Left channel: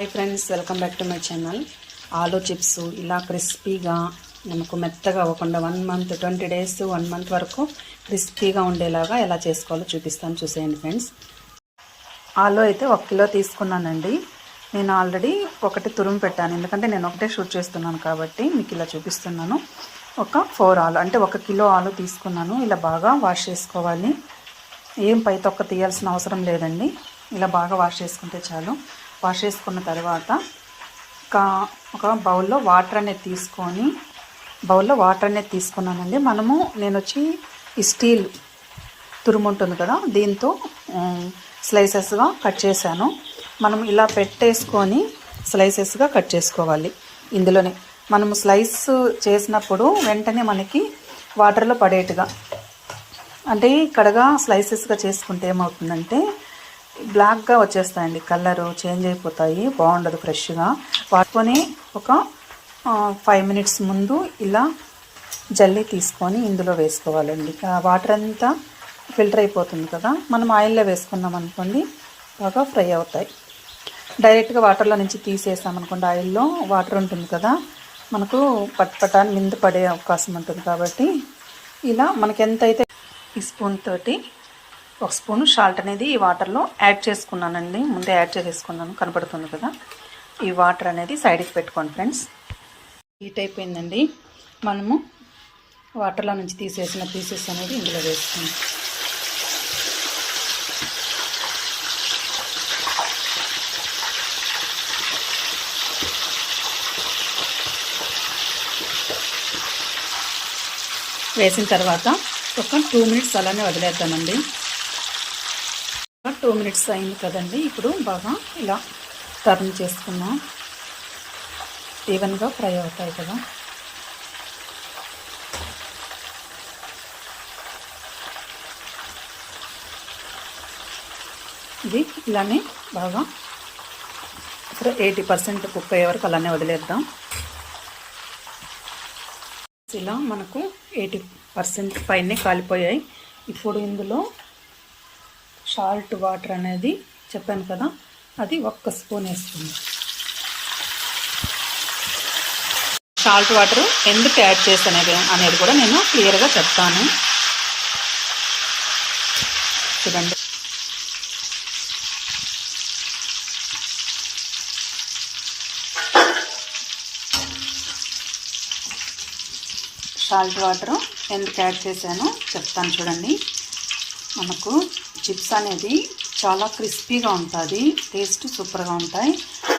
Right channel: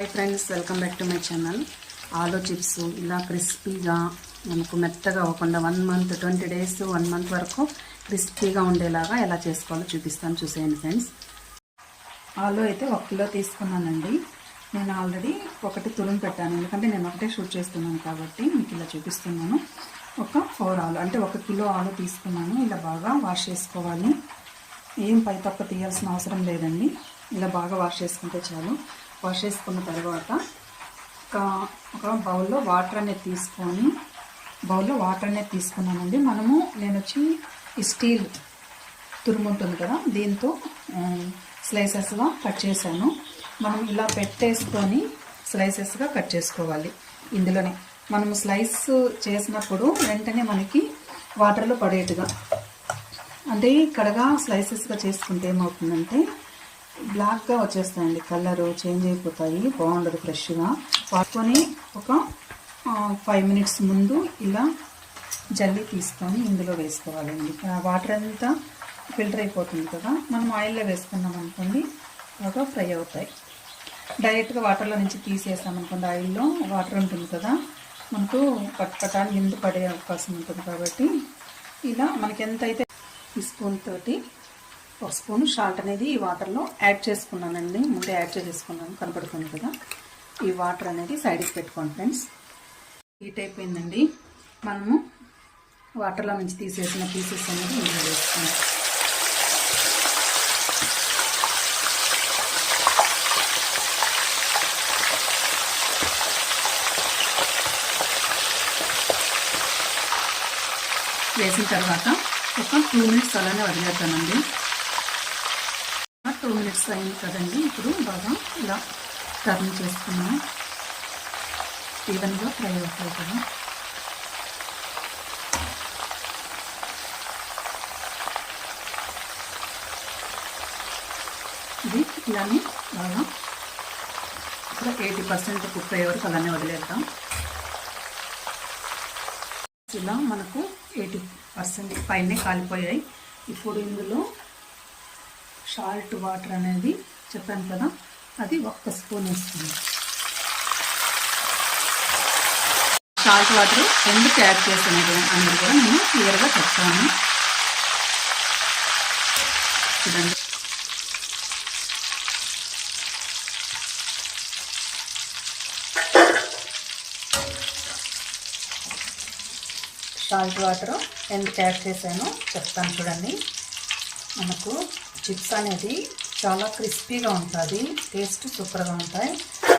Hi friends, welcome back to my channel. Aloo chips ఇలా క్రిస్పీగా మనకు మెత్తగా అవ్వకుండా 1 మంత్ 20 డేస్ 1 మంత్ వరకు క్రిస్పీగా ఉండేలాగా ఎలా చేసుకోవాలో చూపిస్తాను, చూసేయండి ఫ్రెండ్స్. ఆలూ అయితే 1 కిలో తీసుకున్నానండి. నేను ఆల్రెడీ ఒకటి తురుము పెట్టాను, ఎందుకంటే నేను ఒకటే షూట్ చేస్తున్నాను కాబట్టి మీకు ఇలా చూపిస్తున్నాను. ఒక 4 ఆలు అంటే 1 కిలో ఆలు తీసుకున్నాను. ఇలా బాగా వాష్ చేసుకోవాలి. ఏం పై తొక్క తీయాల్సిన అవసరం లేదండి. ఇలా బాగా వాష్ చేసుకుంటే చాలు. వాష్ చేసుకున్న తర్వాత ఒక బౌల్లో వాటర్ అనేది తీసుకున్నానండి. నేను వచ్చి ఈ స్టీల్ తురుము ఉంటుంది కదా, దీంతో స్లైసెస్గా కట్ చేశాను. మనం ఇలా పెట్టేసుకొని స్లైసెస్గా కట్ చేసుకోవాలి. ఇందులోనే మనము స్లైస్ చేసినప్పుడు వెంటనే మనకి వాటర్లో పడేట్టుగా, అంటే కడగా స్లైసెస్గా చేసుకుంటే ఏమవుతుందంటే బ్లాక్గా వచ్చేస్తాయండి, కలరు చేంజ్ అయిపోతాయి, బాగుండదు. ఫ్రెష్గా వాడుకొని ఒక 5 మినిట్స్ ముందు ఇలా జల్లీ తీసుకొని ఇందులో వేసుకోవాలండి. వాటర్ అంతా ఫిల్టర్ అయిపోతుంది కదా, మనం ఆయిల్లో వేసుకున్నాం అనుకోండి బాగా ఫ్రై అవుతాయి. డైరెక్ట్గా వాటర్లో నుంచి తీసేసామనుకోండి, ఆయిల్లో వాటర్ ఉంటుంది కదా, మనకు పట్పటాన్ని మింద పడే అవకాశం ఉంటుంది. కాబట్టి ఇలా మనకి ఎంతైతే ఈ స్పూన్ తోటి 1 స్పూను సాల్ట్ అనేది ఈ వాటర్లో యాడ్ చేసుకున్నానండి. ముందే యాడ్ చేసుకున్నాను, కనపడుతుంది కదా. ఈ వాటర్ అనేది సైడ్కి పెట్టుకోండి ఫ్రెండ్స్. హీట్ అయిపోయిందండి. మనము వాటర్లో నుంచి తీసేసిన పీసెస్ అనేది ఇందులో వేసుకుందాం. వేసిన తర్వాత ఒక 2 మినిట్స్ అలానే వదిలేద్దామండి. 2 మినిట్స్ అయింది కదండి. ఇప్పుడు బాగా ఇలా టర్న్ చేసుకున్నాం, ఈవెన్గా ఫ్రై అవుతాయి కదా. ఇది ఇలానే బాగా 80% కుక్ అయ్యే వరకు అలానే వదిలేద్దాం. ఇలా మనకు 80% పైనే కాలిపోయాయి. ఇప్పుడు ఇందులో సాల్ట్ వాటర్ అనేది చెప్పాను కదా, అది 1 స్పూన్ వేస్తుంది. సాల్ట్ వాటర్ ఎందుకు యాడ్ చేస్తాను అనేది కూడా నేను క్లియర్గా చెప్తాను, చూడండి. సాల్ట్ వాటర్ ఎందుకు యాడ్ చేశానో చెప్తాను, చూడండి. మనకు చిప్స్ అనేది చాలా క్రిస్పీగా ఉంటుంది, టేస్ట్ సూపర్గా ఉంటాయి.